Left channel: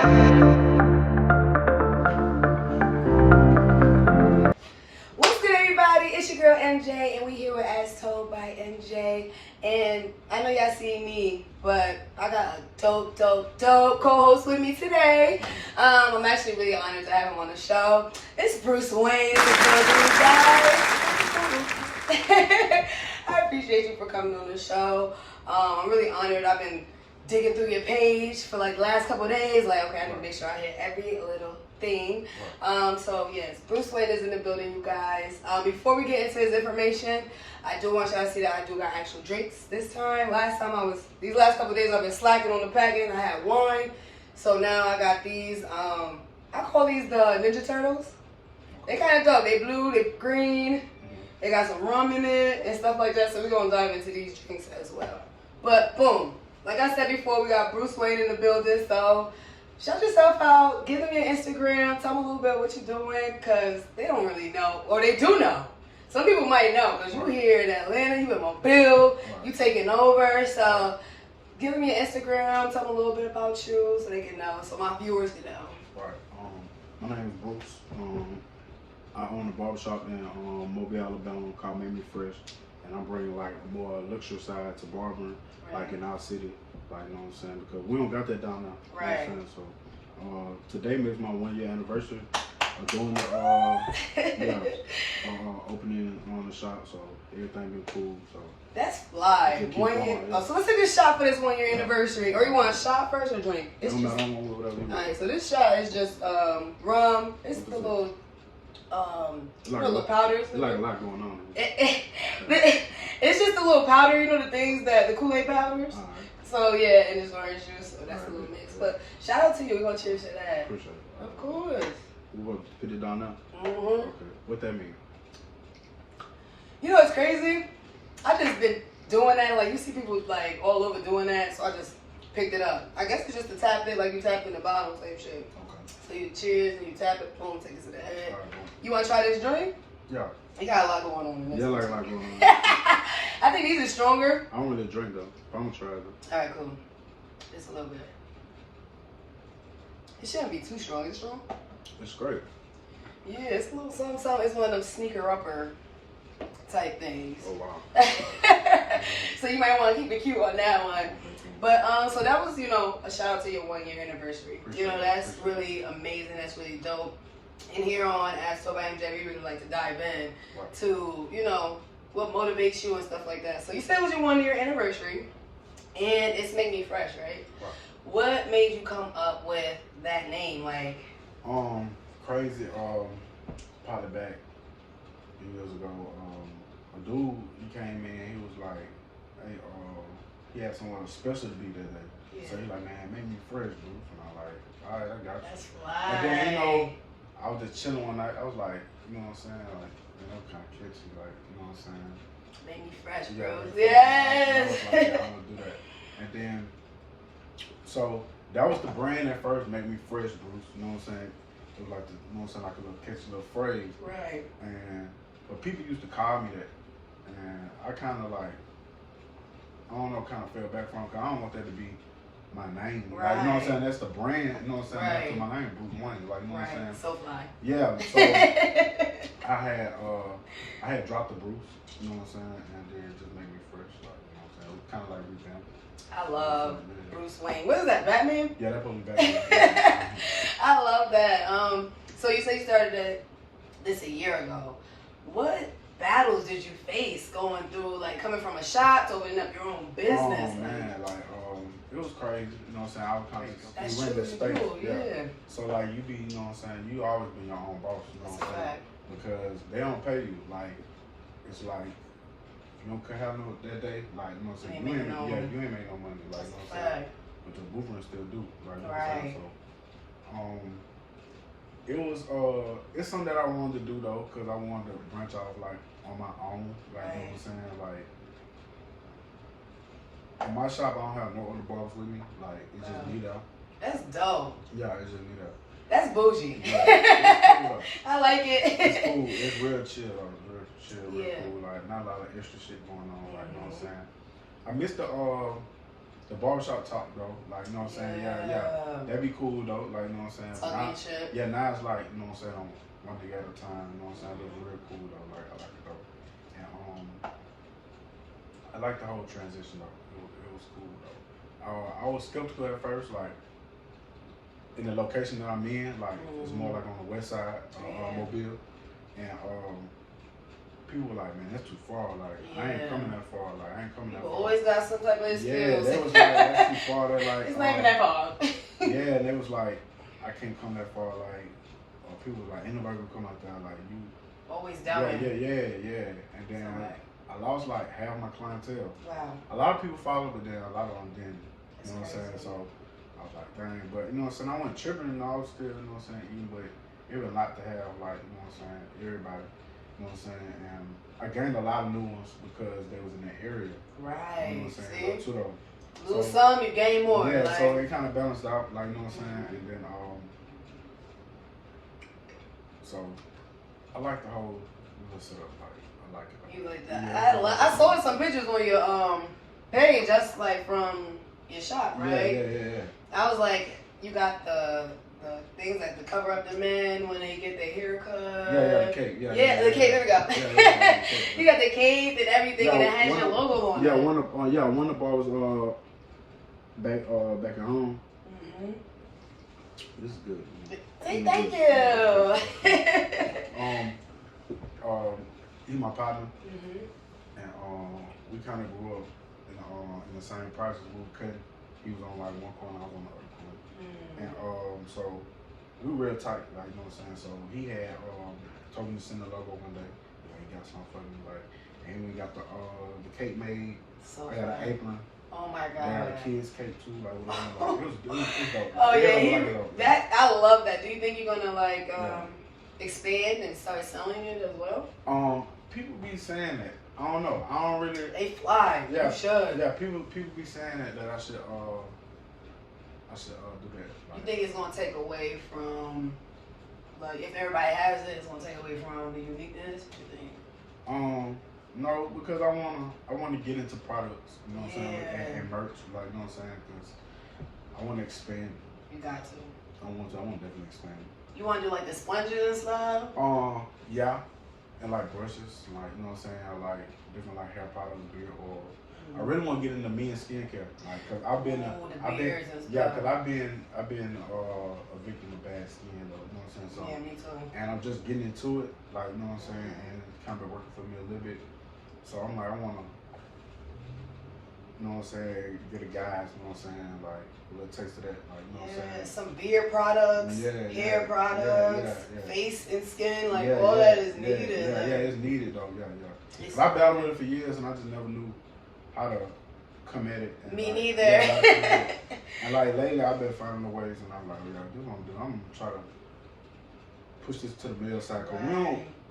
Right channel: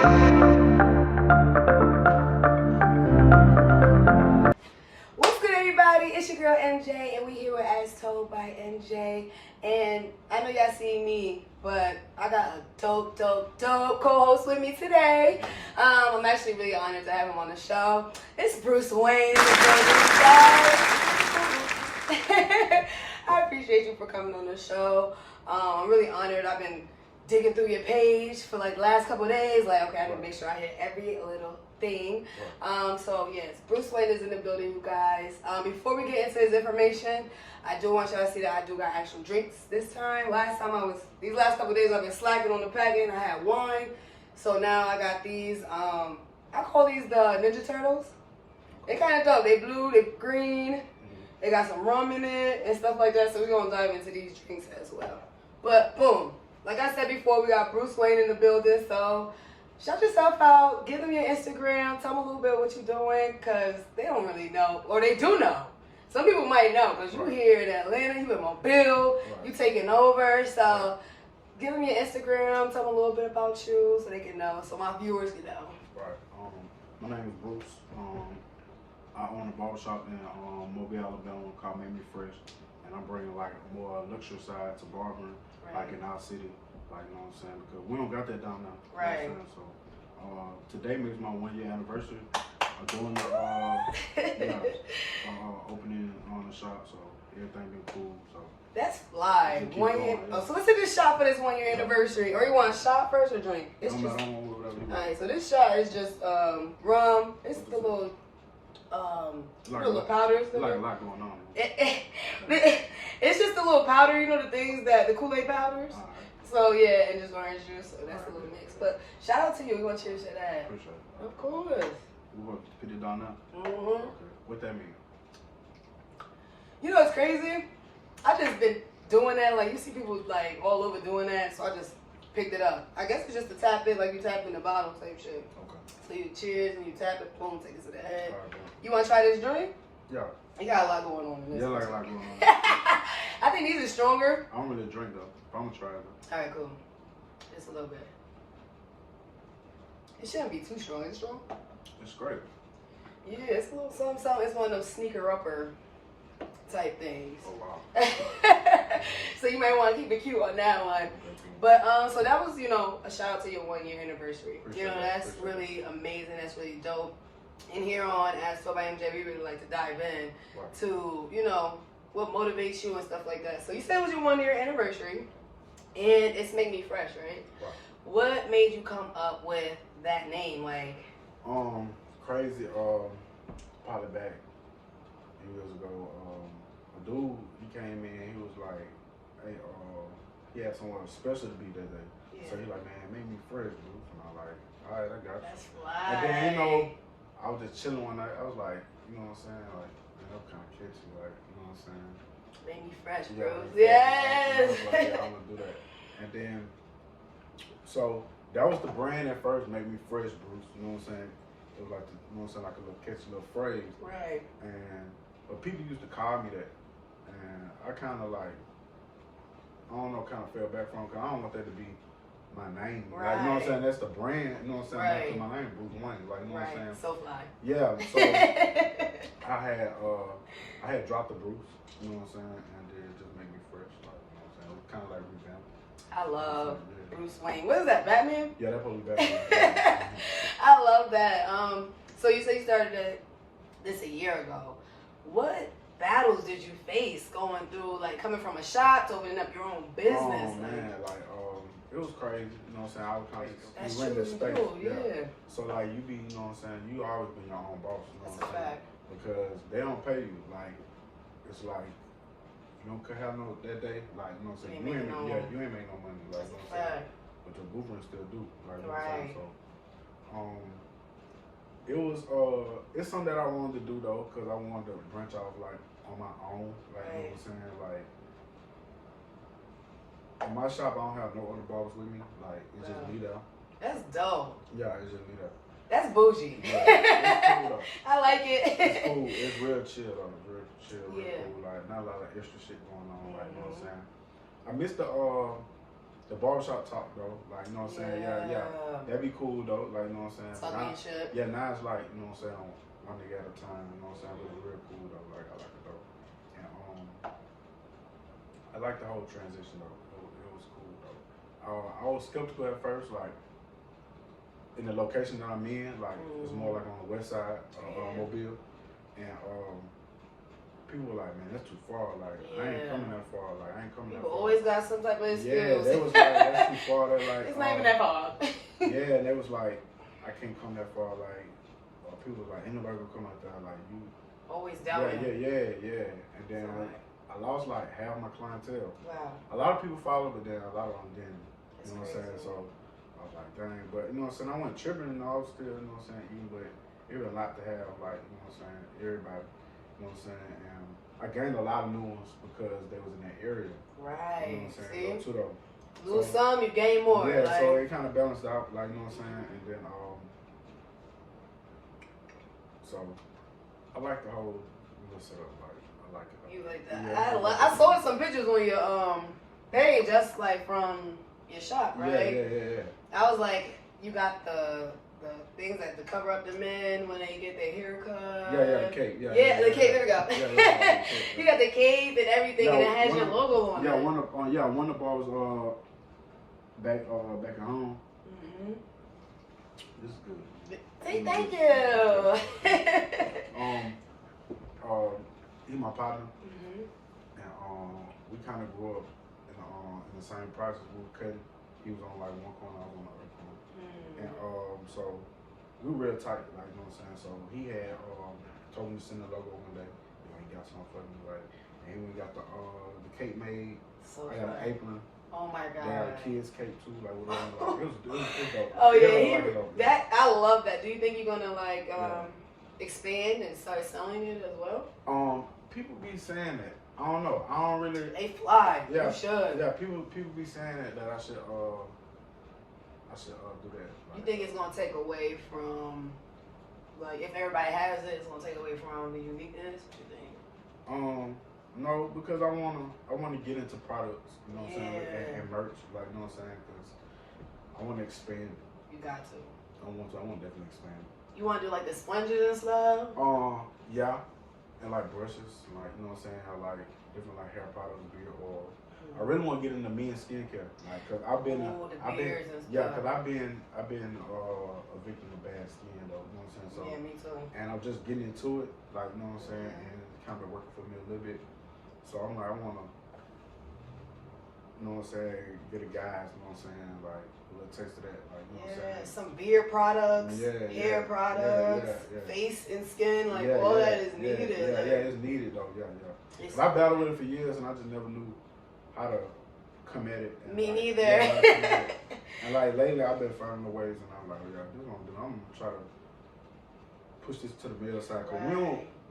What's good, everybody? It's your girl MJ, and we here with As Told by MJ. And I know y'all see me, but I got a dope co-host with me today. I'm actually really honored to have him on the show. It's Bruce Wayne. I appreciate you for coming on the show. I'm really honored. I've been digging through your page for like the last couple of days. Like, okay, I need to make sure I hit every little thing. So yes, Bruce Wayne is in the building, you guys. Before we get into his information, I do want y'all to see that I do got actual drinks this time. These last couple of days I've been slacking on the packing. I had wine. So now I got these, I call these the Ninja Turtles. They kind of dope. They blue, they green. They got some rum in it and stuff like that. So we're going to dive into these drinks as well. But boom, like I said before, we got Bruce Wayne in the building. So shout yourself out. Give them your Instagram. Tell them a little bit what you're doing, because they don't really know. Or they do know. Some people might know, because you here in Atlanta, you in Mobile, you taking over. So give them your Instagram. Tell them a little bit about you so they can know, so my viewers can know. Right. My name is Bruce. I own a barbershop in Mobile, Alabama called Make Me Fresh. And I'm bringing like a more luxury side to barbering, like in our city. Like, you know what I'm saying? Because we don't got that down now. Right. You know what I'm saying? So today makes my 1 year anniversary of doing the opening on the shop. So everything been cool. So that's fly. 1 year. Oh, so let's take a shot for this 1 year anniversary. Or you want a shot first or drink? It's just, whatever you want. Alright, so this shot is just rum. It's the little little powders. It's like a lot going on. It's just a little powder, you know, the things that the Kool-Aid powders. Right. So yeah, and just orange juice. So that's a little mix. But shout out to you. We're gonna cheers to that. Appreciate it. Of course. We want to put it down now. Okay. What that mean? You know what's crazy? I just been doing that. Like, you see people like all over doing that, so I just picked it up. I guess it's just to tap it, like you tap in the bottom type shit. Okay. So you cheers and you tap it, boom, take it to the head. Right, you want to try this drink? Yeah. You got a lot going on in this. Yeah, like a lot going on. I think these are stronger. I don't really drink though. I'm gonna try it though. All right, cool. Just a little bit. It shouldn't be too strong. Is it strong? It's great. Yeah, it's a little something. It's one of those sneaker upper type things. Oh wow. So you might want to keep it cute on that one. But so that was, you know, a shout out to your 1 year anniversary. You know, that's really amazing. That's really dope. And here on As Told by MJ, we really like to dive in to, you know, what motivates you and stuff like that. So you said it was your 1 year anniversary, and it's Make Me Fresh, right? What made you come up with that name? Like, crazy. Probably back years ago, a dude, he came in. He was like, hey, he had someone special to be that day. Yeah. So he like, man, Make Me Fresh, dude. And I'm like, all right, I got you. That's fly. And then, you know, I was just chilling one night. I was like, you know what I'm saying? Like, that was kind of catchy. Like, you know what I'm saying? Make Me Fresh, bro. Yeah, Yes. I was like, yeah, I'm gonna do that. And then, so that was the brand at first, Make Me Fresh, Bruce. You know what I'm saying? It was like, you know what I'm saying, like a little catchy little phrase. Right. But people used to call me that, and I kind of like, I don't know, kind of fell back from it, because I don't want that to be my name. Right. Like, you know what I'm saying? That's the brand, you know what I'm saying? Right. That's my name, Bruce Wayne. Like, you know what I'm saying? So fly. Yeah, so I had dropped the Bruce, you know what I'm saying? And then it just made me fresh, like, you know what I'm saying? It was kind of like revamped. I love Bruce Wayne. What is that, Batman? Yeah, that probably Batman. I love that. So you say you started this a year ago. What battles did you face going through, like coming from a shop to opening up your own business? Oh man, like it was crazy. You know what I'm saying? I was kind of went to space. Yeah. So like you be, you know what I'm saying? You always be your own boss. You know what I'm saying? Because they don't pay you. Like it's like you don't have no that day. Like you know what I'm saying? You ain't make no money. Like you know what I'm saying? But your blueprint still do. Like you know what I'm saying? So it was it's something that I wanted to do though, because I wanted to branch off like on my own. Like you know what I'm saying? Like in my shop, I don't have no other barbers with me. Like it's just me there. That's dope. Yeah, it's just me there. That's bougie. Yeah, it's cool, I like it. It's cool. It's real chill though. It's real chill, real cool. Like not a lot of extra shit going on. Like you know what I'm saying? I missed the the barbershop talk though, like you know what I'm saying, yeah, that'd be cool though, like you know what I'm saying. Now it's like you know what I'm saying, on one nigga at a time, you know what I'm saying. It was real cool though, like I like it though, and I like the whole transition though. It was cool though. I was skeptical at first, like in the location that I'm in, like it's more like on the west side of Mobile, and people were like, man, that's too far. Like, I ain't coming that far. Like, I ain't coming that far. Always got some type of excuse. Yeah, they was like, that's too far. They're like, it's not even that far. Yeah, and they was like, I can't come that far. Like, people was like, anybody will come out there. Like, you. Always doubting. Yeah. And then I lost like half my clientele. Wow. A lot of people followed, but then a lot of them didn't. You know what I'm saying? So I was like, dang. But, you know what I'm saying? I wasn't tripping and I was still, you know what I'm saying, eating, but it was a lot to have, like, you know what I'm saying, everybody. You know what I'm saying? And I gained a lot of new ones because they was in that area. Right. You know what I'm saying? See? So, lose some, you gain more. Yeah, like. so it kind of balanced out, like, you know what I'm saying? And then, so I like the whole little setup. Like, I like it. You like that? Yeah, I saw some pictures on your page, just like from your shop, right? Yeah. I was like, you got the things that to cover up the men when they get their haircut. Yeah, the cape. Yeah, the cape. There we go. Yeah, you got the cape and everything, and it has your logo on it. One of the bars was back at home. Mm-hmm. This is good. Say thank you. He's my partner, mm-hmm. and we kind of grew up in the same process. We were cutting. He was on like one corner, I was on the other corner. And so we were real tight, like, you know what I'm saying? So he had told me to send the logo one day. You know, he got some fucking like, and we got the cake made. So I got an apron. Oh my god. They got a kid's cake too, like whatever. It was dope. Oh yeah, that I love that. Do you think you're gonna like expand and start selling it as well? People be saying that. I don't know. I don't really. They fly. Yeah, you should. Yeah, people be saying that I should do that. Like, you think it's gonna take away from, like, if everybody has it, it's gonna take away from the uniqueness? What you think? No, because I wanna get into products. You know what I'm saying? And merch, like, you know what I'm saying? Because I wanna expand. You got to. I want to definitely expand. You wanna do like the sponges and stuff? Yeah. And like brushes, like, you know what I'm saying? I like different like hair products, beard oil. I really want to get into men's skincare, like, cause I've been a victim of bad skin, though. You know what I'm saying? So, yeah, me too. And I'm just getting into it, like, you know what I'm saying? And it's kind of been working for me a little bit. So I'm like, I want to, you know what I'm saying? Get a guys, you know what I'm saying? Like a little taste of that, like, you know what I'm saying? Some beard products, hair products, face and skin, like all that is needed. Yeah, it's needed though. Yeah. But I battled with it for years, and I just never knew how to come at it. And me like, neither. And like lately, I've been finding the ways, and I'm like, yeah, this is what I'm doing. I'm gonna try to push this to the male side, cause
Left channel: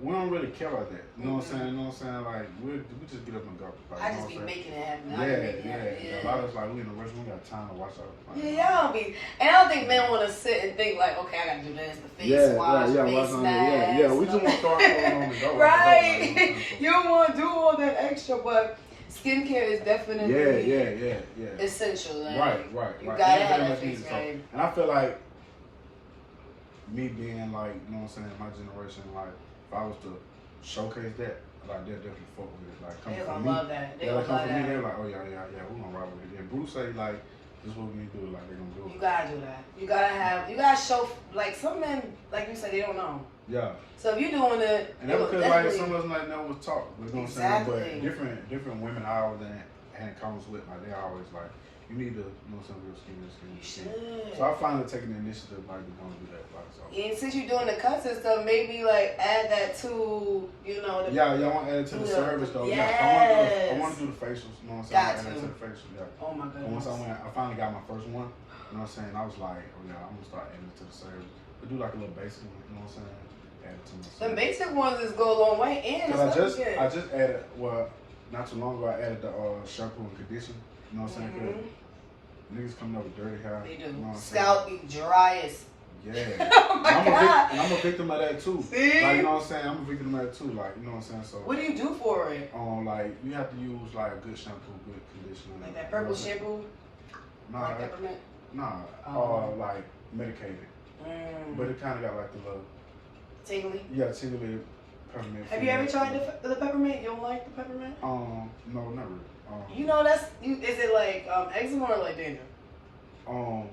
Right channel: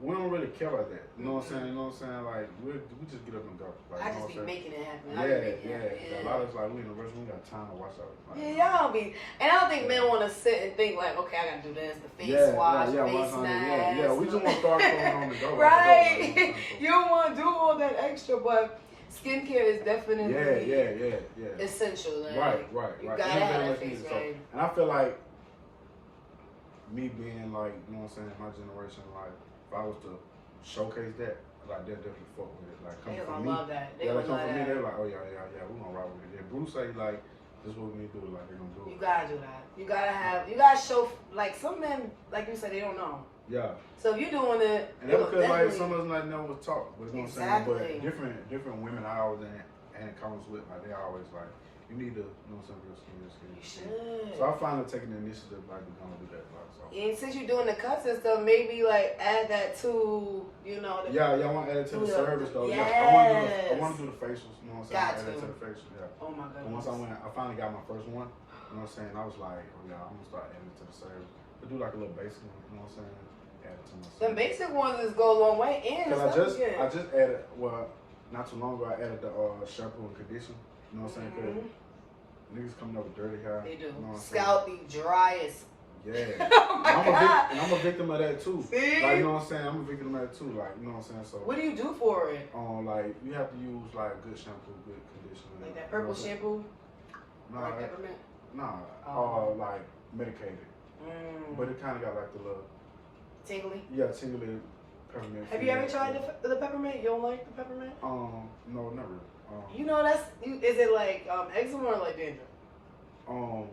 we don't really care about that. You know what I'm saying? You know what I'm saying? Like we just get up and go. Like, I just be making it happen. Yeah. A lot of us like we in the rush. We got time to watch out. Like, y'all don't be. And I don't think men want to sit and think like, okay, I gotta do this, the face wash, face mask. Yeah. We just want to start going on the go. Right. You don't want to do all that extra, but skincare is definitely essential. Like, right. You gotta have that face game. And I feel like me being like, you know what I'm saying, my generation, like if I was to showcase that, like they'll definitely fuck with it. Like coming from me, love that. They come from me, they're like, oh yeah, we gonna rock with it. And Bruce say like, this is what we need to do. Like they gonna do it. You gotta do that. You gotta show. Like some men, like you said, they don't know. Yeah. So if you're doing it, and that's because like some of us like never was taught. You know what I'm saying? But different women I always had comments with, like they always like, you need to know some real skin. You should. So I finally taking the initiative, like, to go and do that. Like, so. And since you're doing the cuts and stuff, maybe like add that to, you know. I want to add it to the service though. Yes. Yeah, I want to do the facials. You know what I'm saying? Got add it to the facial. Yeah. Oh my goodness. And once I finally got my first one. You know what I'm saying? I was like, oh yeah, I'm gonna start adding it to the service. But do like a little basic one. You know what I'm saying? Add it to my service. The basic ones just go a long way. And I just added, well, not too long ago, I added the shampoo and conditioner. You know what I'm saying? Niggas coming up with dirty hair. They do. You know Scalp be dry as. Yeah. Oh my God. I'm a victim of that too. See? Like, you know what I'm saying? I'm a victim of that too. Like, you know what I'm saying? So. What do you do for it? Like, you have to use like good shampoo, good conditioner. Like that purple shampoo? Nah, peppermint? Like medicated. But it kind of got like the little tingly. Yeah, tingly peppermint. Have you ever tried the peppermint? You don't like the peppermint? No, never. You know is it like eczema or like dandruff? Or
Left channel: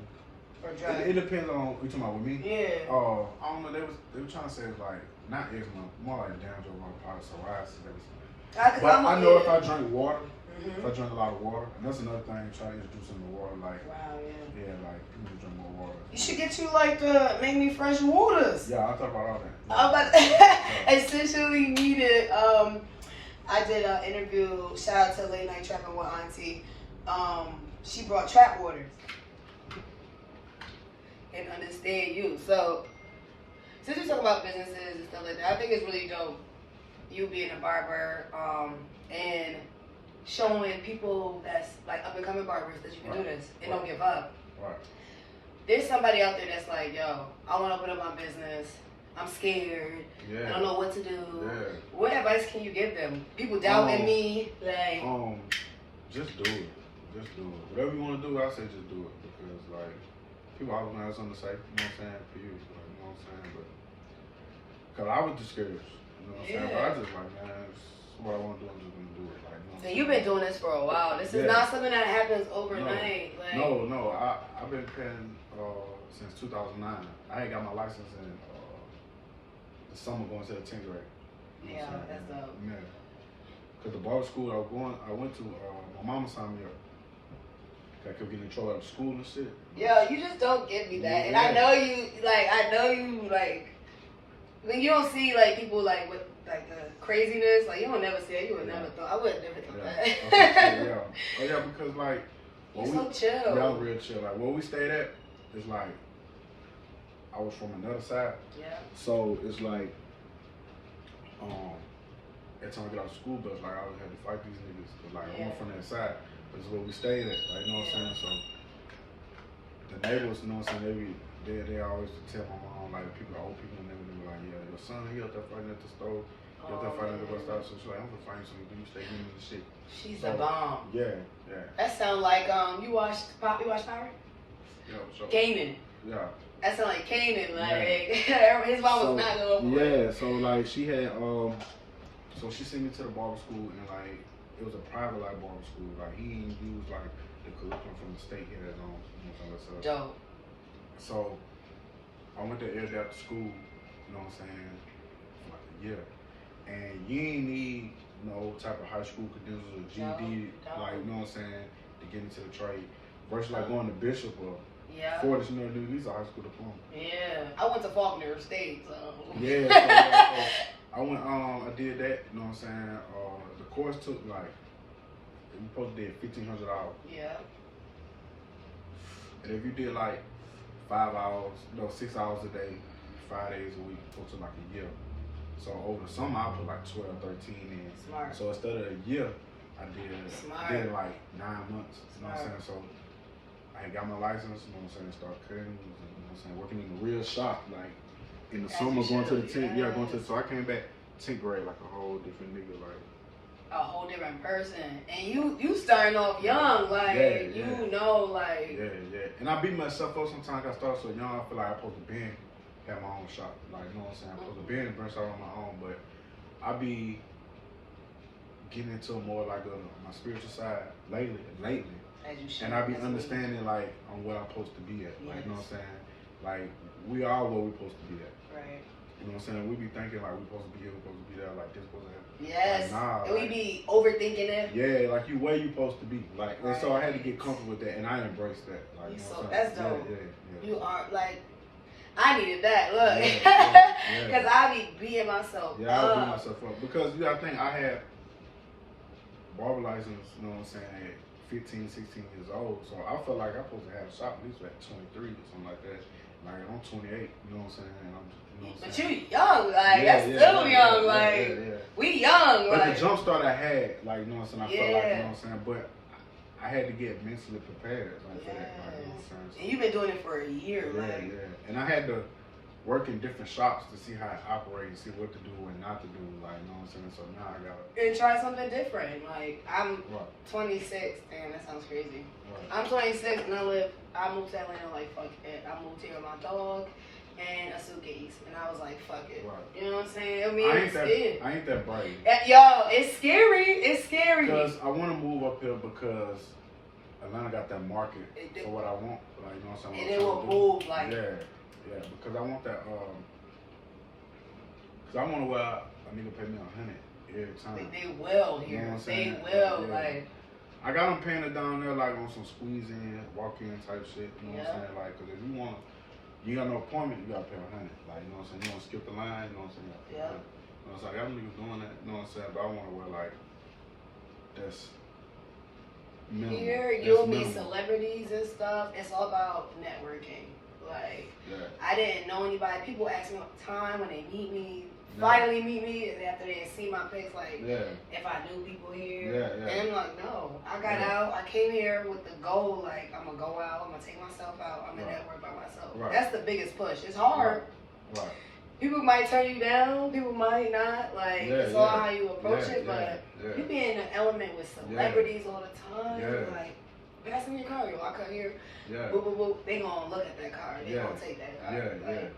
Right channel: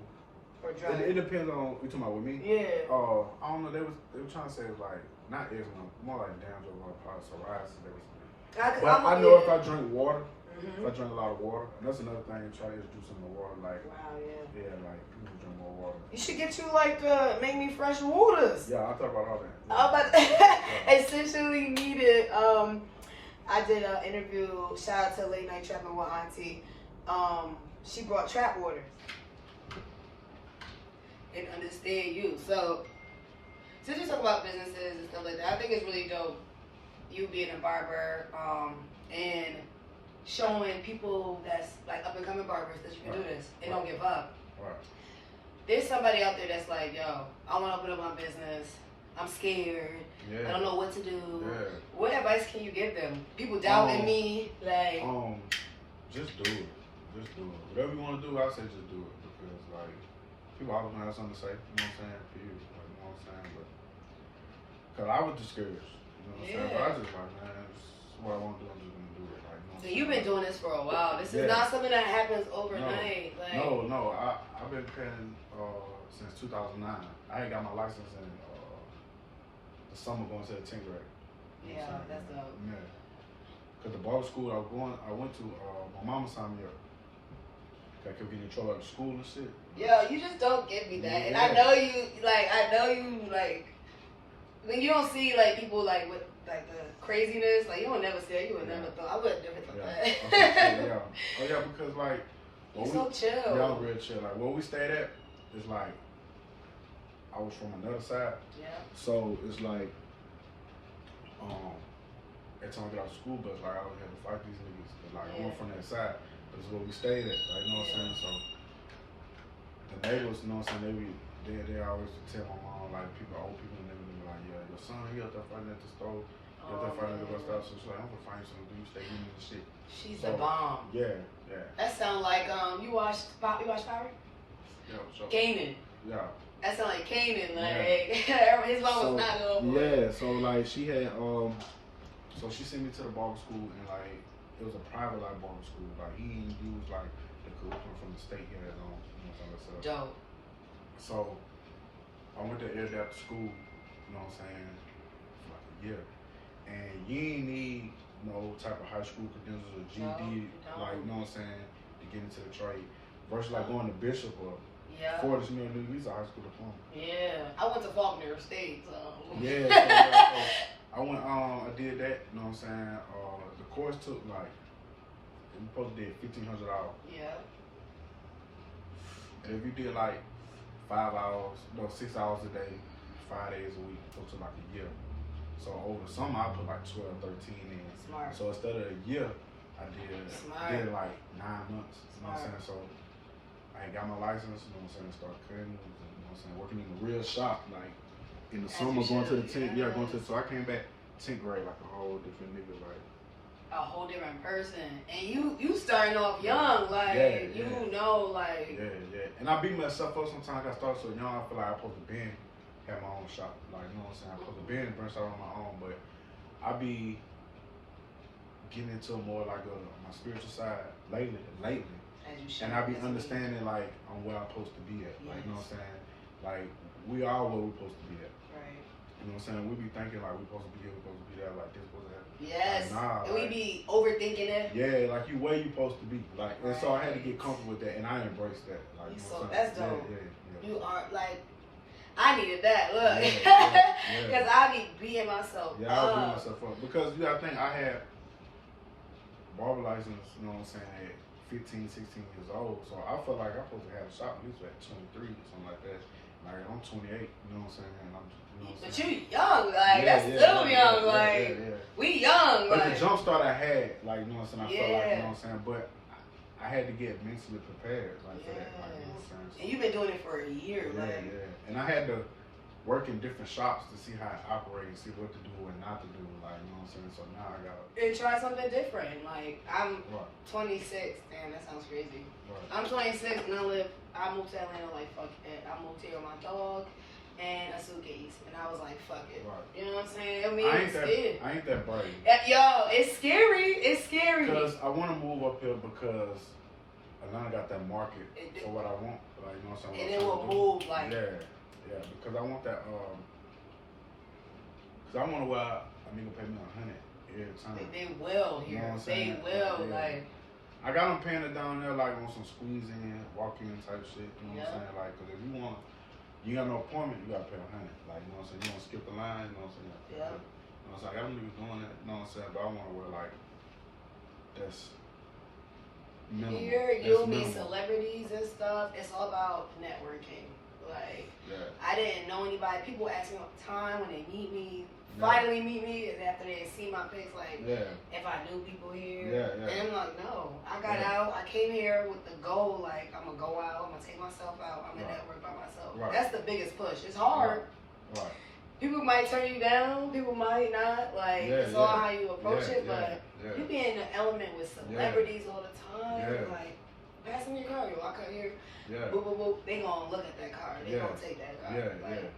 dry? It depends on you talking about with me. Yeah. I don't know. They were trying to say it's like not eczema, more like dandruff, like psoriasis. But I know if I drink water. If I drink a lot of water, and that's another thing, try to introduce them to water. Like, wow, yeah, like people drink more water. You should get you like the Make Me Fresh waters. Yeah, I'll talk about all that. Yeah. I'm about essentially needed. I did an interview. Shout out to Late Night Trapping with Auntie. She brought trap waters and understand you. So since we talk about businesses and stuff like that, I think it's really dope. You being a barber, and showing people that's like up and coming barbers that you can do this and don't give up. Right. There's somebody out there that's like, yo, I want to open up my business. I'm scared. Yeah. I don't know what to do. Yeah. What advice can you give them? People doubting me, like. Just do it. Just do it. Whatever you want to do, I say just do it because like people always have something to say. You know what I'm saying? For you, like, you know what I'm saying? But cause I was discouraged. You know what I'm saying? But I just like, man, it's what I want to do. I'm just gonna do it. Like, you know. So you've been doing this for a while. This is not something that happens overnight. No. I've been paying since 2009. I ain't got my license in the summer going to the 10th grade. You know that's dope. Yeah. Cause the barber school I went to, my mama signed me up. I kept getting in trouble at school and shit. Yo, you just don't give me that, and I know you like when you don't see like people like with like the craziness, like you would never see it. You would never thought. I would never thought that. Yeah. Oh yeah, because like you're so chill. Yeah, I'm real chill. Like where we stayed at, it's like I was from another side. Yeah. So it's like every time I get out of school bus, like I always had to fight these niggas. Cause like I went from that side. This is where we stayed at. Like you know what I'm saying? So the neighbors, you know what I'm saying, they always tell my mom, like old people and everything, like, yeah, your son, he out there fighting at the stove, he out there fighting at the bus stop. So she's like, I'm gonna find you something, you stay getting the shit. She's the bomb. Yeah. That sound like you watched Power? Yeah, so Kanan. Yeah. That sound like Kanan, like his mom was not a little boy. Yeah, so like she had so she sent me to the barber school and like it was a private like barber school. Like he didn't use like the curriculum from the state he had on. You know what I'm saying? Dope. So I went to air after school, you know what I'm saying, for like a year. And you ain't need no type of high school credentials or GED, like, you know what I'm saying, to get into the trade. Versus like going to Bishop or Fortis, you know, these are high school diploma. Yeah. I went to Faulkner State, so. Yeah, so I went, I did that, you know what I'm saying. The course took like, we supposed to did $1,500. Yeah. And if you did like 5 hours, 6 hours a day, 5 days a week, it took like a year. So over the summer, I put like 12, 13 in. Smart. So instead of a year, I did like 9 months. You know what I'm saying? So I got my license, you know what I'm saying, start cutting, you know what I'm saying, working in a real shop, like in the summer, going to the 10th, so I came back 10th grade like a whole different nigga, like. A whole different person. And you starting off young, like, you know, like. Yeah. And I beat myself up sometimes. I started so young, I feel like I'm supposed to have my own shop. Like, you know what I'm saying? I'm supposed to branch out on my own, but I be getting into more like my spiritual side lately. As you should. And I be understanding like on where I'm supposed to be at. Like, you know what I'm saying? Like, we are where we're supposed to be at. Right. You know what I'm saying? We be thinking like we're supposed to be here, we're supposed to be there, like this supposed to happen. Yes. Like, nah, and we be overthinking it. Yeah, like you where you supposed to be. Like, and so I had to get comfortable with that, and I embraced that. Like, you know what I'm saying? That's dope. Yeah. You are like, I needed that. Look, because I be beating myself. Yeah, I was beating myself up because you gotta think I had barber license. You know what I'm saying? At 15, 16 years old, so I felt like I'm supposed to have a shop at least at 23 or something like that. Like I'm 28, you know what I'm saying? And I'm, you know what I'm saying? But you young, like that's still young, like we young. But like the jump start I had, like you know what I'm saying? I felt like you know what I'm saying, but I had to get mentally prepared, like for that, like you know what I'm saying. So, and you've been doing it for a year, and I had to work in different shops to see how it operates, see what to do and not to do. Like, you know what I'm saying? So now I gotta. And try something different. Like, I'm Right. 26. Damn, that sounds crazy. Right. I'm 26 and I moved to Atlanta like, fuck it. I moved here with my dog and a suitcase. And I was like, fuck it. Right. You know what I'm saying? I mean, I ain't that brave. Yo, it's scary. It's scary. Because I want to move up here because Atlanta got that market for what I want. Like, you know what I'm saying? And it will move like. Yeah, because I want that. Because I want to where a nigga pay me $100 every time. They will here. You know what I'm They saying? will Yeah. like. I got them paying it down there like on some squeeze in, walk in type shit. You know what I'm saying? Like, because if you got no appointment, you gotta pay $100. Like, you know what I'm saying? You don't skip the line. You know what I'm saying? You gotta pay $100. You know what I'm saying? I got them niggas doing that. You know what I'm saying? But I want to wear like that's minimal. Here, you'll meet celebrities and stuff. It's all about networking. Like, I didn't know anybody. People ask me all the time when they meet me, finally meet me, and after they see my face, like, if I knew people here. And I'm like, no. I got out. I came here with the goal, like, I'm going to go out. I'm going to take myself out. I'm going to network by myself. That's the biggest push. It's hard. Right. People might turn you down. People might not. Like, it's all how you approach it. But you be in an element with celebrities all the time. Like, pass me your car, yo. I cut here. Boop, boop, boop. They gonna look at that car. They gonna take that car.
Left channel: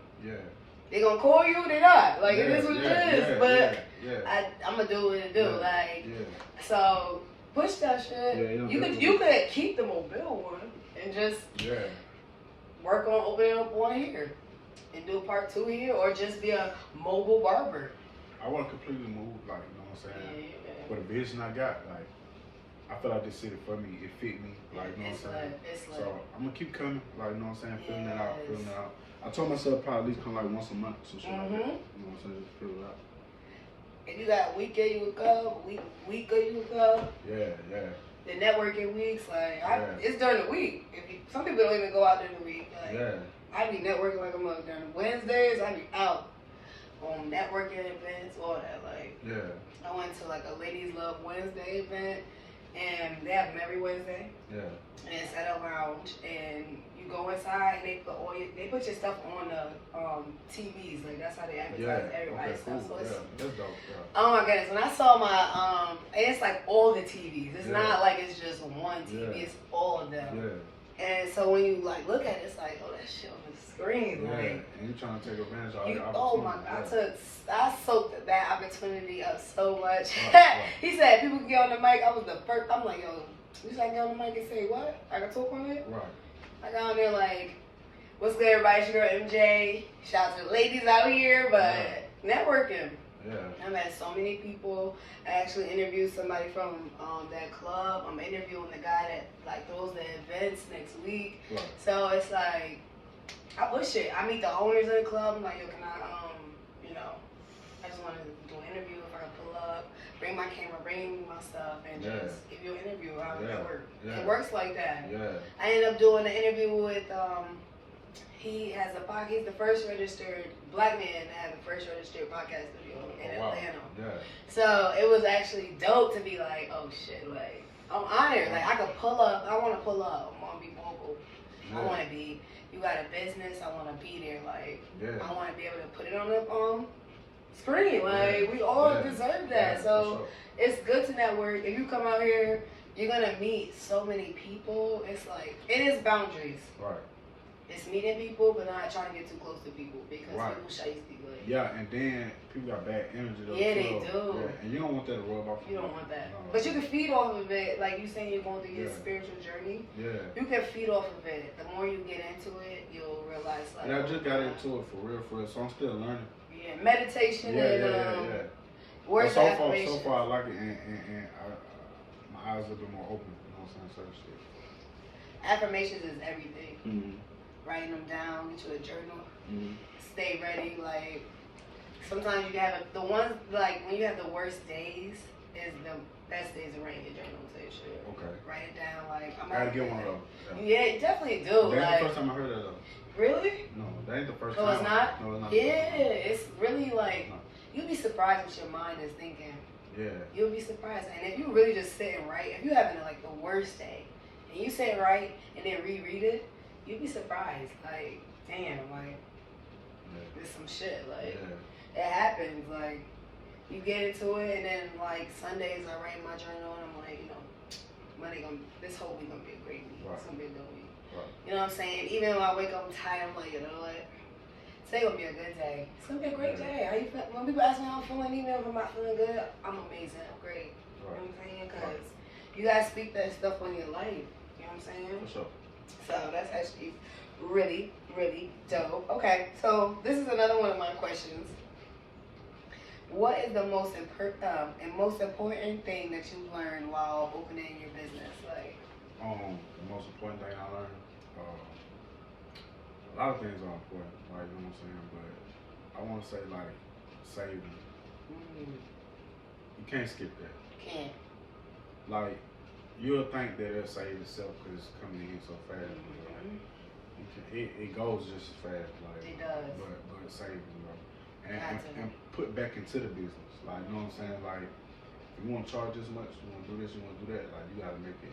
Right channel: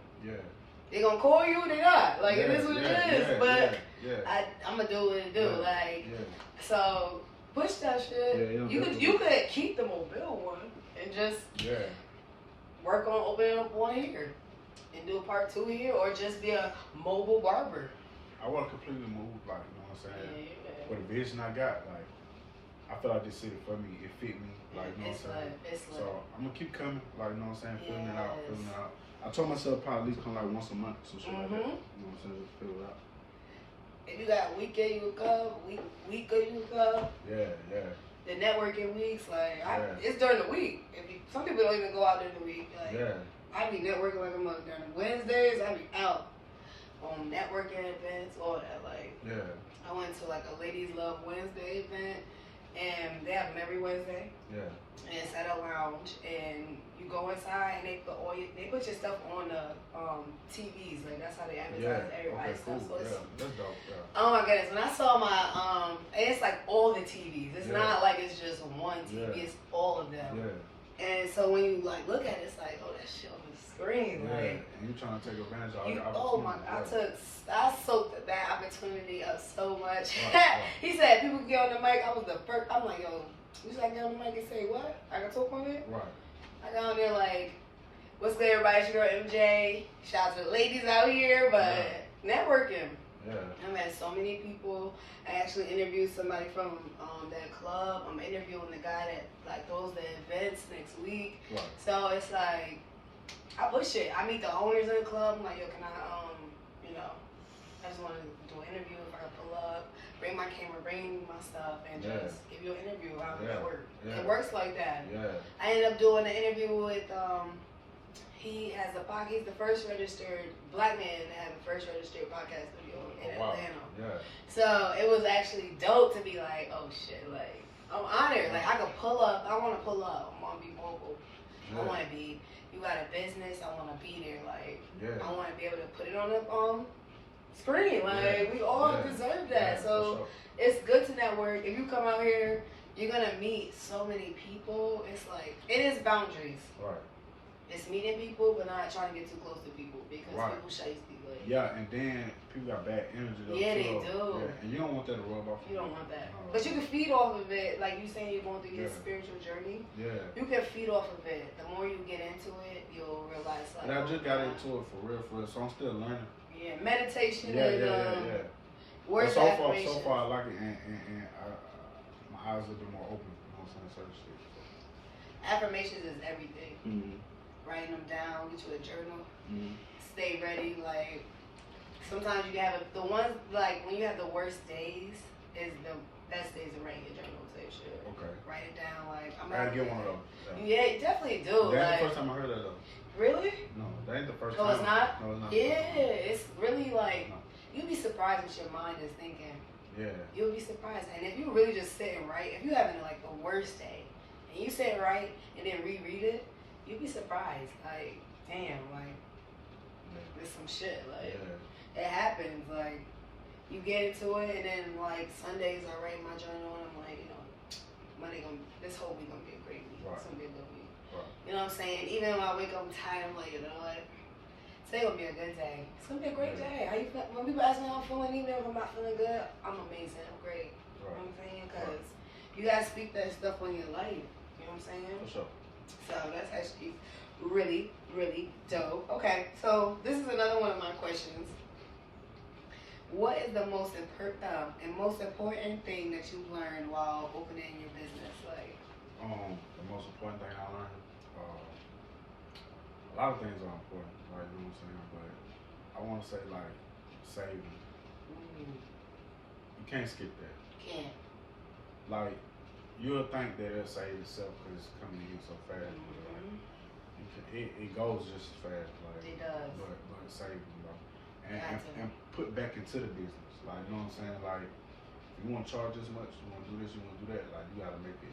They gonna call you. They not. Like, it is what it is. But I'm gonna do what it do. Like, so push that shit. You could keep the Mobile one and just work on opening up one here and do a part 2 here, or just be a mobile barber. I want to completely move, like, you know what I'm saying? For the vision I got, like, I feel like this city for me, it fit me, like, you know what I'm saying? So I'm gonna keep coming, like, you know what I'm saying? Feeling it out. I told myself probably at least come like once a month, some shit like that. You know what I'm saying? Just fill it out. If you got weekend, you would come. Week you would come. The networking weeks, like, it's during the week. Some people don't even go out during the week. Like, I be networking like a mother during Wednesdays. I be out on networking events, all that. Like, I went to like a Ladies Love Wednesday event, and they have them every Wednesday. And it's at a lounge, and you go inside, and they put your stuff on the TVs. Like, that's how they advertise everybody's stuff. So it's, that's dope. Oh my goodness! When I saw my and it's like all the TVs. It's not like it's just one TV. It's all of them. And so when you like look at it, it's like, oh, that shit on the screen. Like, and you trying to take advantage of the opportunity. Oh my God, I soaked that opportunity up so much. He said people can get on the mic. I was the first. I'm like, yo, you just like get on the mic and say what? I can talk on it. I got on there like, what's good, everybody? It's your girl MJ. Shout out to the ladies out here, but networking. I met so many people. I actually interviewed somebody from that club. I'm interviewing the guy that like throws the events next week. So it's like, I push it. I meet the owners of the club. I'm like, yo, can I, I just want to do an interview if I can pull up, bring my camera, bring my stuff, and just give you an interview. How does that work? It works like that. I ended up doing an interview with, he has a podcast. He's the first registered black man to have the first registered podcast studio in Atlanta. So it was actually dope to be like, oh shit, like, I'm honored. Like, I could pull up. I want to pull up. I want to be mobile. I want to be, you got a business, I want to be there. Like, I want to be able to put it on the screen. Like, we all deserve that. So it's good to network. If you come out here, you're going to meet so many people. It's like, it is boundaries. It's meeting people, but not trying to get too close to people because people shiesty. Like, and then people got bad energy. They do. And you don't want that to rub off. You don't want that. But you can feed off of it. Like you saying, you're going through your spiritual journey. You can feed off of it. The more you get into it, you'll realize. Like, and I just got into it for real. So I'm still learning. Meditation and words so affirmations. So far, I like it, and my eyes are a bit more open. You know what I'm saying? Certain shit. Affirmations is everything. Writing them down, get you a journal, stay ready. Like, sometimes you can have the ones, like, when you have the worst days, is the best days to write in your journal. Say shit. Write it down. Like, I gotta get one of those. Yeah, you definitely do. That ain't the first time I heard that though. Really? No, that ain't the first time. Oh, it's not? No, it's not. Yeah, it's really like, you'd be surprised what your mind is thinking. You'll be surprised. And if you really just sit and write, if you're having like the worst day, and you sit and write and then reread it, you'd be surprised. Like, damn, like, It's some shit. Like, it happens. Like, you get into it, and then, like, Sundays I write my journal, and I'm like, you know, this whole week gonna be a great week. It's gonna be a good week. You know what I'm saying? Even when I wake up tired, I'm like, you know what? Today's gonna be a good day. It's gonna be a great day. How you feel? When people ask me how I'm feeling, even if I'm not feeling good, I'm amazing. I'm great. You know what I'm saying? Because you guys speak that stuff on your life. You know what I'm saying? For sure. So that's actually really, really dope. Okay, so this is another one of my questions. What is the most important thing that you've learned while opening your business? Like, the most important thing I learned, a lot of things are important, like, you know what I'm saying, but I want to say, like, saving. You can't skip that. Can't. Like, you'll think that it'll save itself because it's coming in so fast, but like, it goes just as fast, like, it does. But saving, you know, and put back into the business, like, you know what I'm saying, like, you want to charge this much, you want to do this, you want to do that, like, you got to make it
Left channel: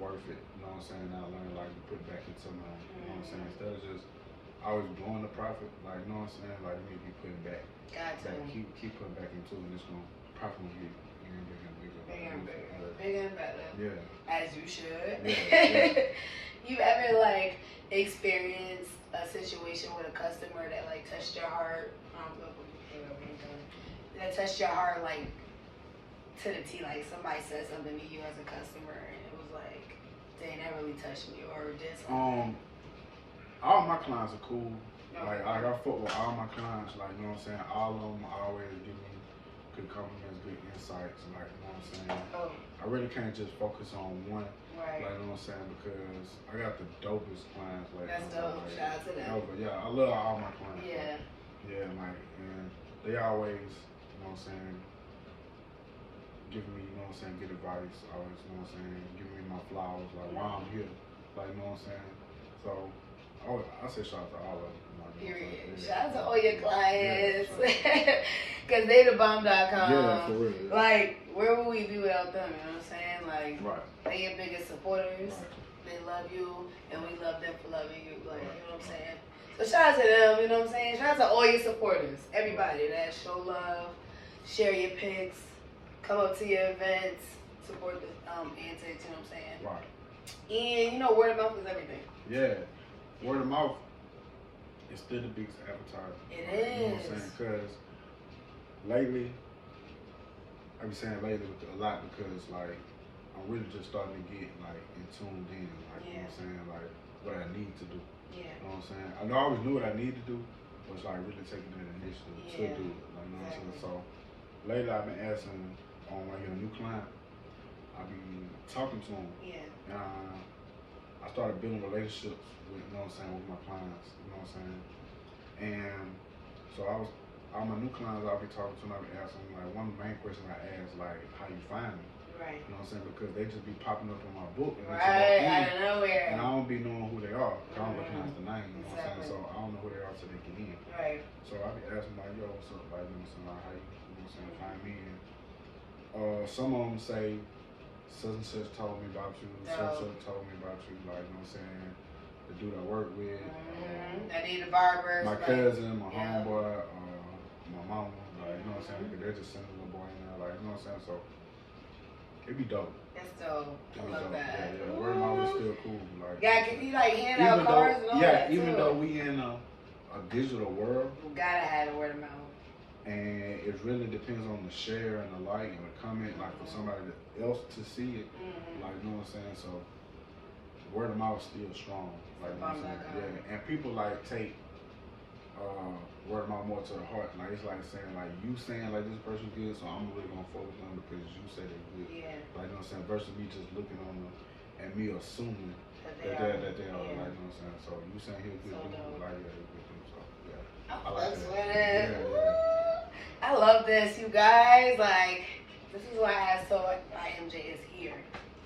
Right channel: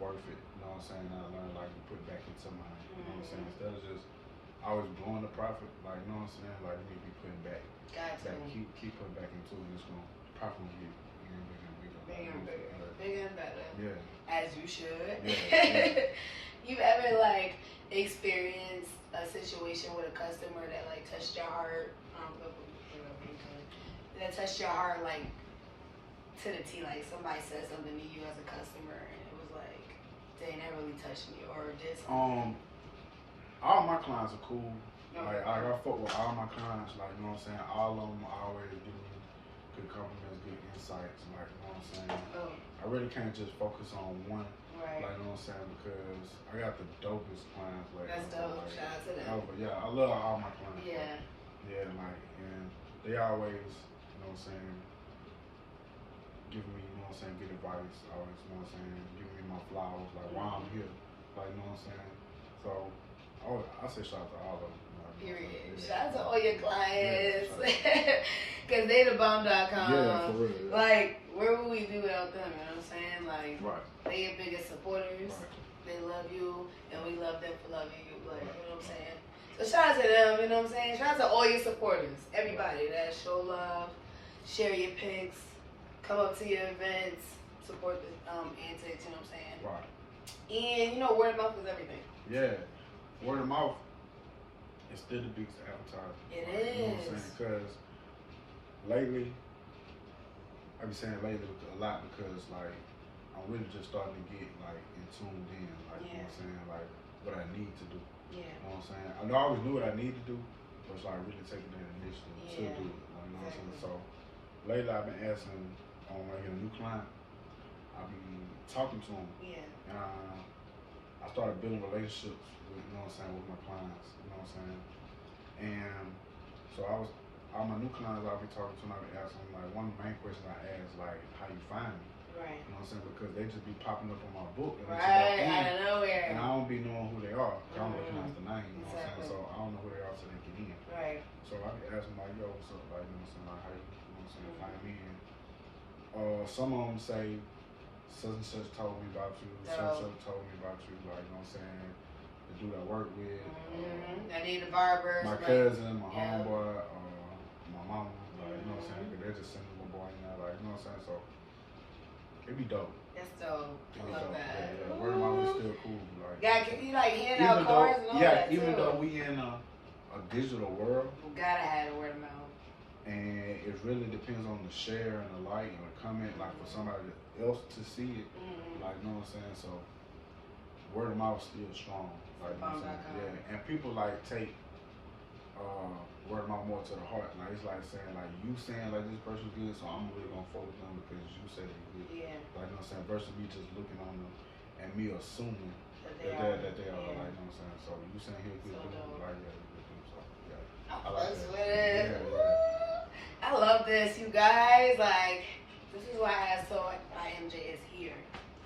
worth it, you know what I'm saying? I learned, like, to put back into mine, you know what I'm saying? Instead of just always blowing the profit, like, you know what I'm saying? Like, you need to be putting back. Keep putting back into it, and it's going to profit will get bigger and bigger and bigger. Bigger and bigger. Bigger and better. Yeah. As you should. Yeah. You ever, like, experienced a situation with a customer that, like, touched your heart? That touched your heart, like, to the T, like somebody said something to you as a customer and it was like, dang, that really touched me, or did something? All my clients are cool. Like, I fuck with all my clients, like, you know what I'm saying? All of them always give me good compliments, good insights, like, you know what I'm saying? I really can't just focus on one, like, you know what I'm saying? Because I got the dopest clients, like. That's dope, like, shout out to them. But yeah, I love all my clients. Yeah. Like, like, and they always, you know what I'm saying, giving me, you know what I'm saying, good advice, always, you know what I'm saying, giving me my flowers, like, why I'm here, like, you know what I'm saying? So, I say shout out to all of them. Like, period. Shout out to all your clients. Because they the bomb.com. Yeah, for real. Yeah. Like, where would we be without them, you know what I'm saying? Like, they your biggest supporters. They love you, and we love them for loving you, like, you know what I'm saying? So shout out to them, you know what I'm saying? Shout out to all your supporters, everybody that show love, share your pics, come up to your events, support the antics, you know what I'm saying? And, you know, word of mouth is everything. Yeah, word of mouth is still the biggest advertisement. It is. You know what I'm saying? Because lately, I be saying lately a lot because, like, I'm really just starting to get, like, tuned in, like, you know what I'm saying? Like, what I need to do. You know what I'm saying? I know I always knew what I needed to do, but it's like really taking that initiative to do it. Like, you know what I'm saying? So lately I've been asking when I get a new client, I'll be talking to them. And I started building relationships with, you know what I'm saying, with my clients, you know what I'm saying? And so all my new clients I'll be talking to them, I'll be asking them, like, one of the main questions I ask, like, how you find me? You know what I'm saying? Because they just be popping up on my book. And Out of nowhere. And I don't be knowing who they are. I don't recognize the name, you know what I'm saying? So I don't know who they are till they get in. So I be asking, like, yo, what's up? Like, you know what I'm saying? Like, how you know what I'm saying? Find me. And some of them say, such and such told me about you. Such and such told me about you. Like, you know what I'm saying? The dude I work with. I need a barber. My cousin, my homeboy, my mama. Like, you know what I'm saying? They're just sending a boy in there. Like, you know what I'm saying? So it'd be dope. That's dope. I love that. Yeah. Word of mouth is still cool. Like, can you, like, hand out cards and all that too? Even though we in a digital world, you gotta have the word of mouth. And it really depends on the share and the like and the comment, like for somebody else to see it. Like, you know what I'm saying? So word of mouth is still strong. Like, you know what I'm saying? Yeah. And people like take word of mouth more to the heart. Like, it's like saying, like, you saying like this person's good, so I'm really gonna focus on the because you said they're good. Like, you know what I'm saying? Versus me just looking on them and me assuming that they are. Like, you know what I'm saying? So you saying he's good dude, like, yeah, he's good dude. So yeah, I like that. I love this, you guys. Like, this is why Yagirlmj is here,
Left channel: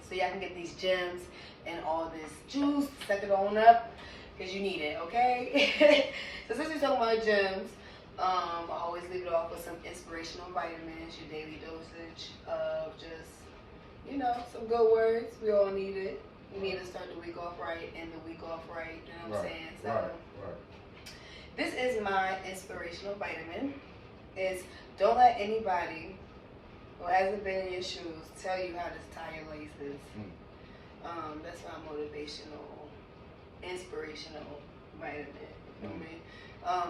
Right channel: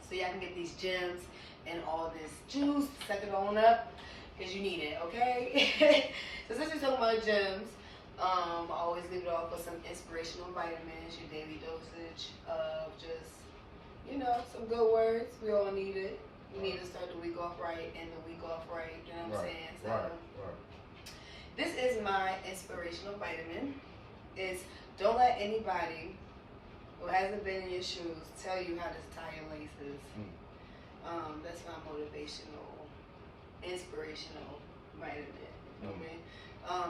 so y'all can get these gems and all this juice, suck it on up, because you need it, okay? So since we're talking about gems, I always leave it off with some inspirational vitamins, your daily dosage of just, you know, some good words. We all need it. You need to start the week off right, end the week off right, you know what I'm saying? So this is my inspirational vitamin. It's don't let anybody who hasn't been in your shoes tell you how to tie your laces. That's my motivational, inspirational vitamin. You feel me?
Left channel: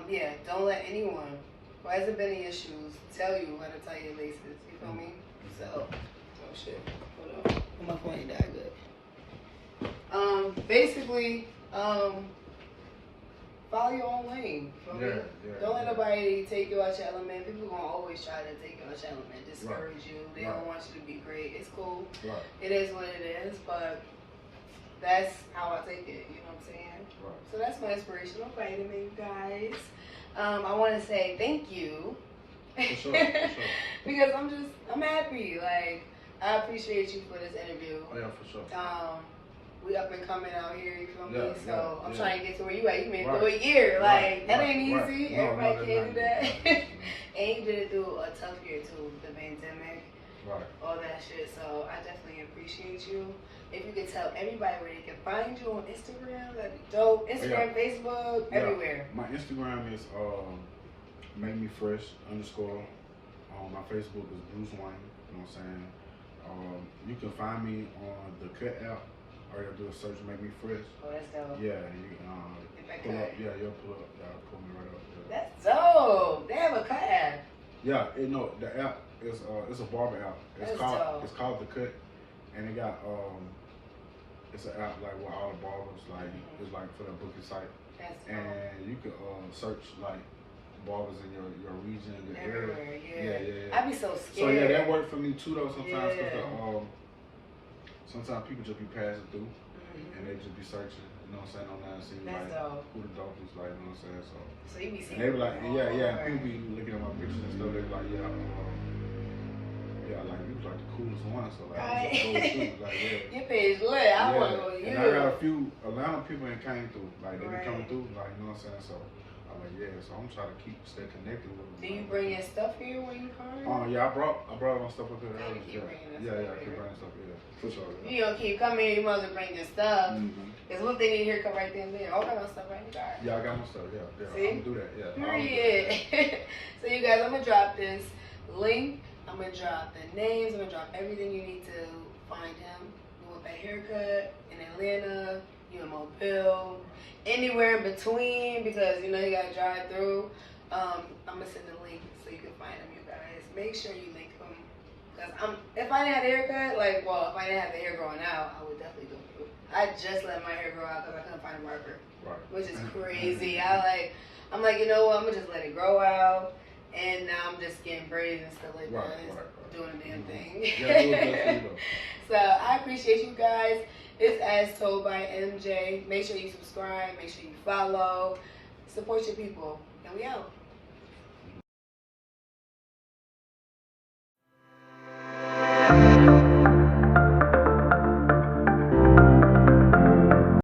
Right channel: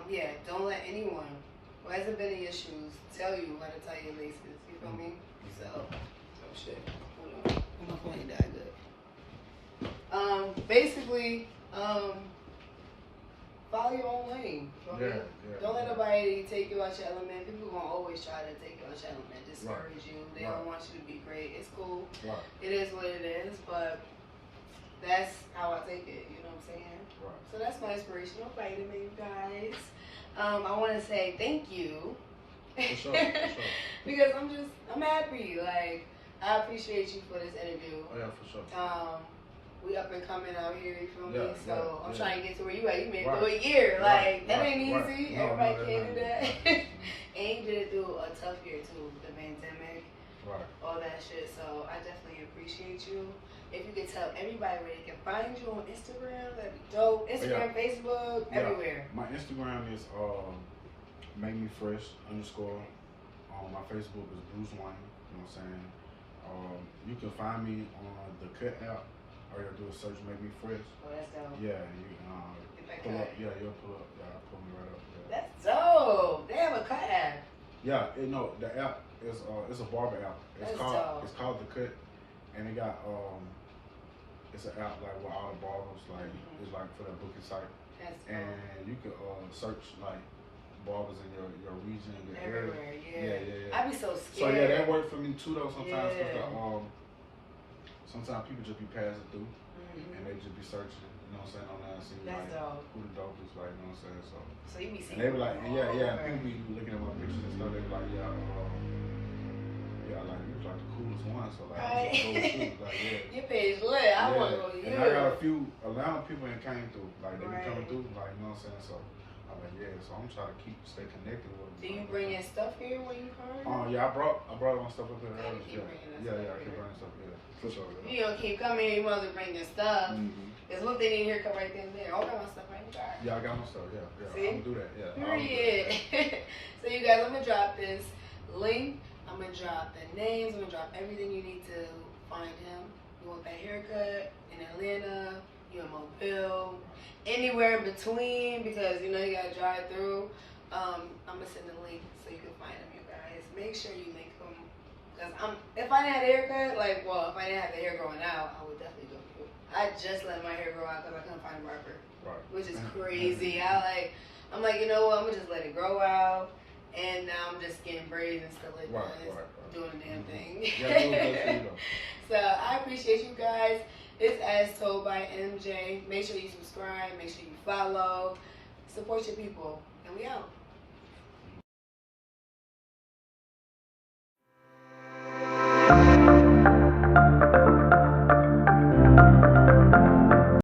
Yeah, don't let anyone who hasn't been in your shoes tell you how to tie your laces. You feel me? So, oh shit. Hold on. My phone ain't that good. Basically, follow your own lane. Don't let nobody take you out your element. People gonna always try to take you out your element, discourage you. They don't want you to be great. It's cool. It is what it is, but that's how I take it. You know what I'm saying? So that's my inspirational vitamin, you guys. I want to say thank you. For sure. Because I'm happy. Like, I appreciate you for this interview. Oh yeah, for sure. We up and coming out here, you feel me? So I'm yeah. trying to get to where you at. You made it through a year. Like, that ain't easy. No, Everybody can't do that. And you did it through a tough year too, the pandemic, all that shit. So I definitely appreciate you. If you could tell everybody where they can find you on Instagram, that'd be dope. Instagram, Facebook, everywhere. My Instagram is make me fresh _ my Facebook is Bruce Wayne. You know what I'm saying? You can find me on the Cut app. All you gotta do is search Make Me Fresh. Oh, that's dope. Yeah, you pull up. Yeah, you'll pull up. Yeah, pull me right up. Yeah. That's dope. They have a Cut app. Yeah, the app is it's a barber app. It's called the Cut, and it got it's an app like with all the barbers it's like for the booking site. And you can search like barbers in your region, your area. I'd be so scared. So yeah, that worked for me too though sometimes because sometimes people just be passing through and they just be searching, you know what I'm saying, online, see like who the dope is, like, you know what I'm saying. So you be seeing. And they be like, and people be looking at my pictures and stuff. They be like, like you was like the coolest one, so like I'm just go too, like Your page lit. I want to go to you. And I got a few Atlanta people that came through, like they be coming through, like, you know what I'm saying. So I'm like, so I'm trying to stay connected with them. Do you bring your stuff here when you come? Yeah, I brought my stuff up here. I keep bringing stuff. Yeah, for sure. Yeah. You don't keep coming here, you must bring your stuff. There's one thing in here, come right there and there. I got my stuff right here. Yeah, I got my stuff. Yeah. See? I'm gonna do that. Yeah. Period. So you guys, I'm gonna drop this link. I'm gonna drop the names. I'm gonna drop everything you need to find him. You want that haircut in Atlanta, you in Mobile, anywhere in between, because you know you gotta drive through. I'm gonna send the link so you can find him, you guys. Make sure you link him. Because if I didn't have the haircut, if I didn't have the hair growing out, I would definitely go through it. I just let my hair grow out because I couldn't find a barber. Which is crazy. I'm like, you know what, I'm gonna just let it grow out. And now I'm just getting braids and stuff like that. Doing the damn thing. So I appreciate you guys. It's As Told by MJ. Make sure you subscribe. Make sure you follow. Support your people. And we out.